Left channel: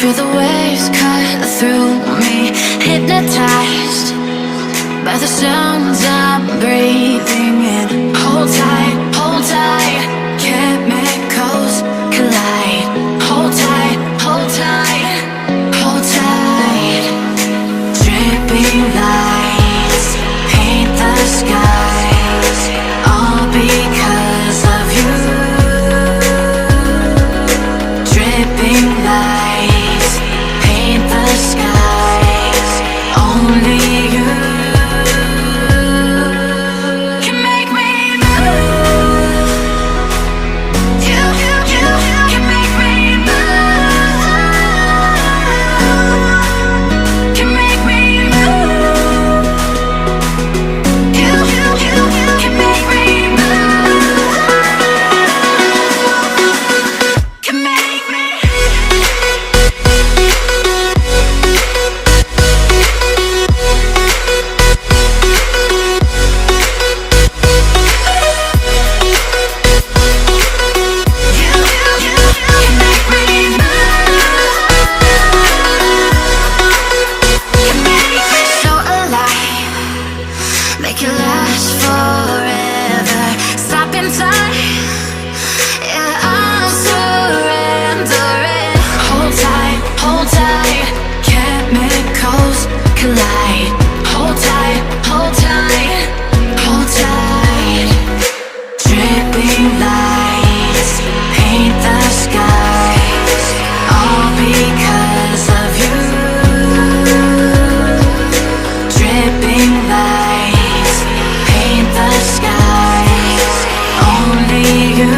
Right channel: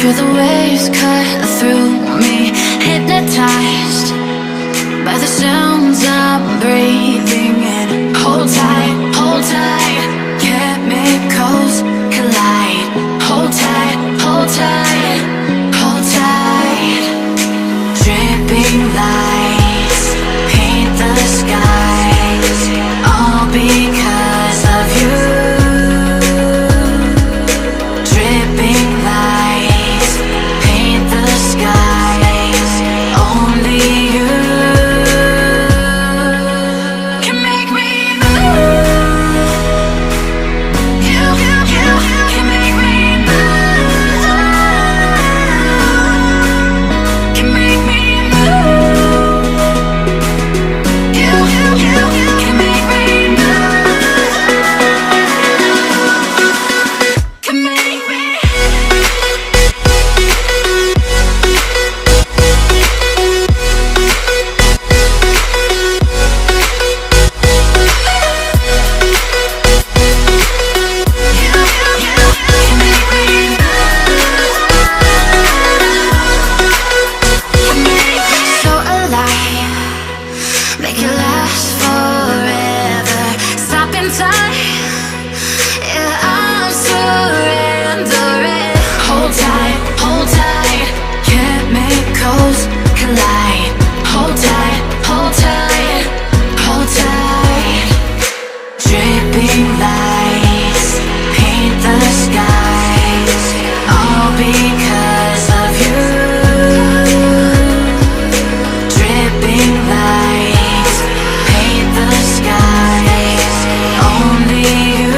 Feel the waves cut through me, hypnotized by the sounds I'm breathing in. Hold tight, chemicals collide. Hold tight, hold tight, hold tight. Dripping lights paint the skies, all because of you. Dripping lights paint the skies, only you can make me move. You can make me move. Can make me move. You can make me move. Can make me. So alive, make it last forever. Stop in time, yeah, I'm surrendering. Hold tight, chemicals collide. Hold tight, hold tight, hold tight. Dripping lights paint the skies, all because of you. Dripping lights paint the skies, only you.